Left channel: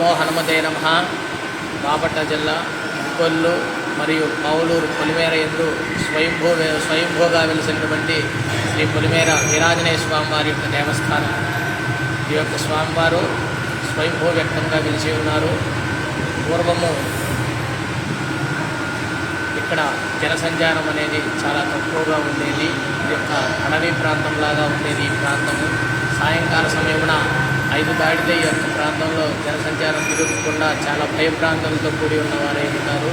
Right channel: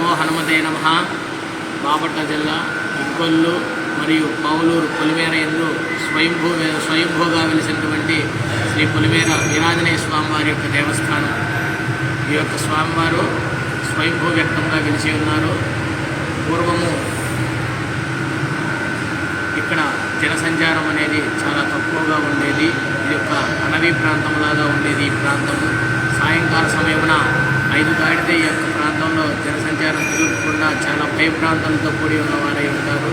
నమో హనుమతే నమః. బాపట్ల జిల్లా కొల్లు మరియు పావులూరు పొలిమేర యందు స్వయంభూగా వెలిసినటువంటి శ్రీ పొలిమేర వీరాంజనేయ స్వామివారి యొక్క దేవస్థానం. ఈ యొక్క స్వామివారు స్వయంభూ వ్యక్తంగా వెలిసి ఉన్నారు. పూర్వము ఇక్కడ జనసంచారం అనేది చాలా తక్కువగా ఉండేది. ఇది యొక్క అడవి ప్రాంతంలాగా ఉండేది. ఈ ప్రాంతము సాయంకాల సమయమున 5 దాటితే ఈ యొక్క ప్రాంతంలో జనసంచారం జరగకుండా చాలా భయప్రాంతాలతో కూడి ఉన్నవారై ఉంటారు.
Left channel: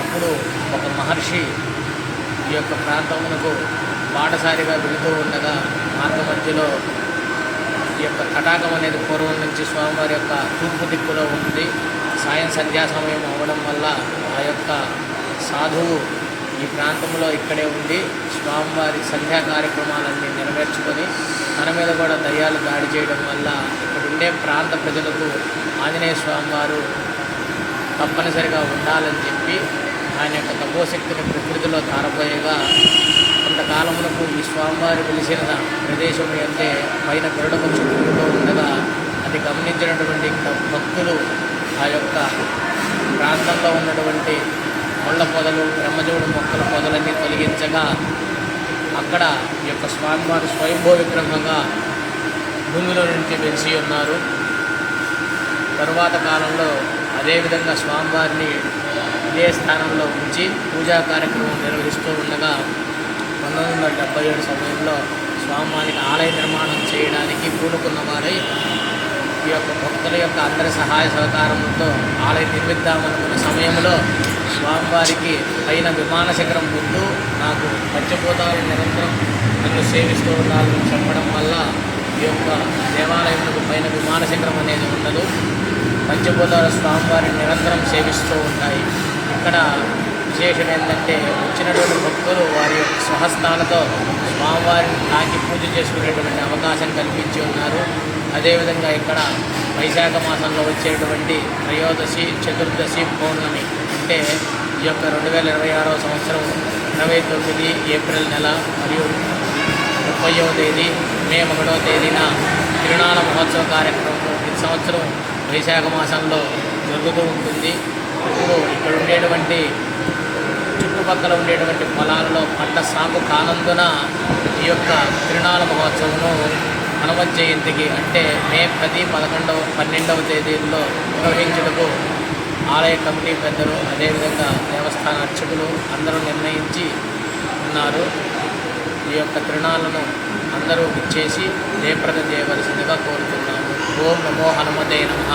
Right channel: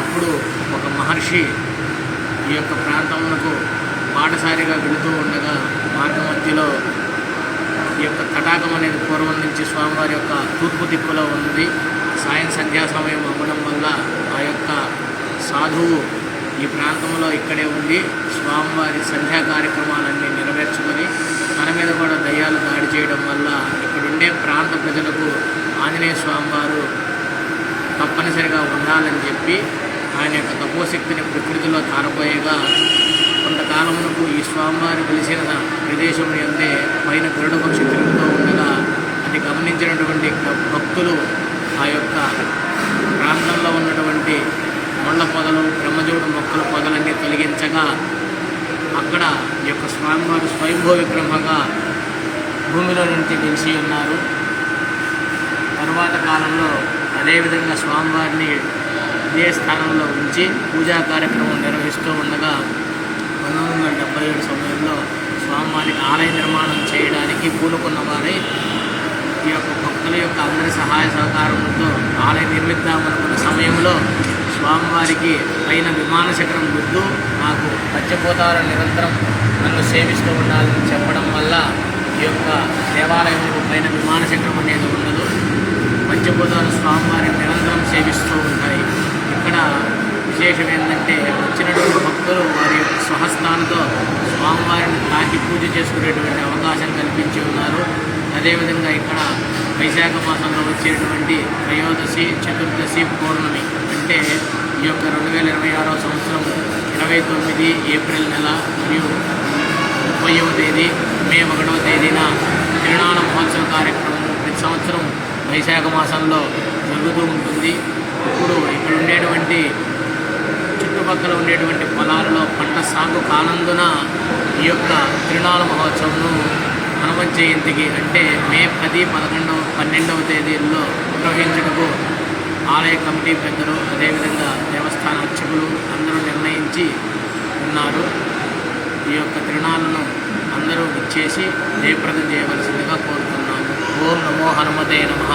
అప్పుడు ఒక మహర్షి ఈ యొక్క ప్రాంతమునకు బాటసారిగా వెళుతూ ఉండగా మార్గమధ్యలో ఈ యొక్క తటాకం అనేది పూర్వం నుంచి స్వామివారి యొక్క తూర్పు దిక్కులో ఉంది. సంధ్యా సమయం అవ్వడం వల్ల ఆ యొక్క సాధువు ఈ ప్రాంతంలో ఇక్కడే ఉండి స్వామివారి సంధ్యా కార్యక్రమాలన్నీ నెరవేర్చుకొని మన మీద కూడా దయ్యాలు దాడి చేయడం వల్ల ఇక్కడ ఉండే ప్రాంత ప్రజలకు ఆంజనేయ స్వామివారు తప్పనిసరిగా ఉండాలని చెప్పి ఆయన యొక్క తపోశక్తిని ప్రకృతిలో తారపోయేగా కొంతకాలమునకు ఈ స్వామివారు వెలిసిన ప్రదేశం అంటే పైన గరుడ పక్షి తిరుగుతూ ఉండగా అది గమనించినటువంటి భక్తులు ఆ యొక్క ప్రాంతంలో ఉన్నటువంటి ముళ్ళ పొదలు బ్రహ్మజోడు మొక్కల పొదలన్నీ తొలగించగా అక్కడ ఈ యొక్క స్వామివారు స్వయంభూ విగ్రహంగా భూమిలో నుంచి వెలిసి ఉన్నారు. తరువాత కాలంలో అదేవిధంగా స్వామివారిని ఇదే స్థానంలో ఉంచి పూజా కార్యక్రమం నిర్వహిస్తూ ఉండగా 1977 సమయంలో స్వామివారికి ఆలయ నిర్మాణం చేయడానికి పూనుకున్న వారై ఈ యొక్క భక్తుల యొక్క అందరి సహాయ సహకారంతో ఆలయం నిర్మిద్దామనుకున్న సమయంలో స్వామివారికి పైన విమాన శిఖరం ముందు నాకు పంచభూతాలను నిరంతరం నన్ను సేవిస్తూ ఉండాలని చెప్పడం వల్ల ఈ యొక్క దేవాలయంలో పైన విమాన శిఖరం అనేది ఉండదు. పంచభూతాల స్వామివారిని నిరంతరం సేవిస్తూ ఉంటాయి. ఇక్కడ విశేషం ఏంటంటే వచ్చినటువంటి భక్తులు వారి యొక్క స్వహస్తాలతో స్వామివారిని తాకి పూజ చేసుకునేటువంటి అవకాశం కల్పించి ఉన్నారు. అదేవిధంగా ఇక్కడ వైశాఖ మాసంలో వచ్చేటువంటి త్రయోదశి, చతుర్దశి, పౌర్ణమి అంటే ఈ యొక్క 2026వ సంవత్సరం 29 ఏప్రిల్ నెల మరియు 30వ తేదీ మే 1వ తేదీన తిరునాళ మహోత్సవ కార్యక్రమం ప్రతి సంవత్సరం వైశాఖ మాసంలో జరుగుతూ ఉంటుంది. ఇప్పుడు ఇక్కడ ఉండేటువంటి చుట్టుపక్కల ఉండేటువంటి పొలాల్లో పంట సాగు కానందున ఈ యొక్క తిరునాళ మహోత్సవంను హనుమత్ జయంతికి అంటే మే 10, 11, 12వ తేదీల్లో నిర్వహించుటకు ఆలయ కమిటీ పెద్దలు అదేవిధంగా దేవస్థాన అర్చకులు అందరూ నిర్ణయించి ఉన్నారు. ఈ యొక్క తిరునాళ్ళను అందరూ ఇచ్చేసి జయప్రదం చేయవలసిందిగా కోరుతున్నాము. ఓం నమో హనుమతే నమః.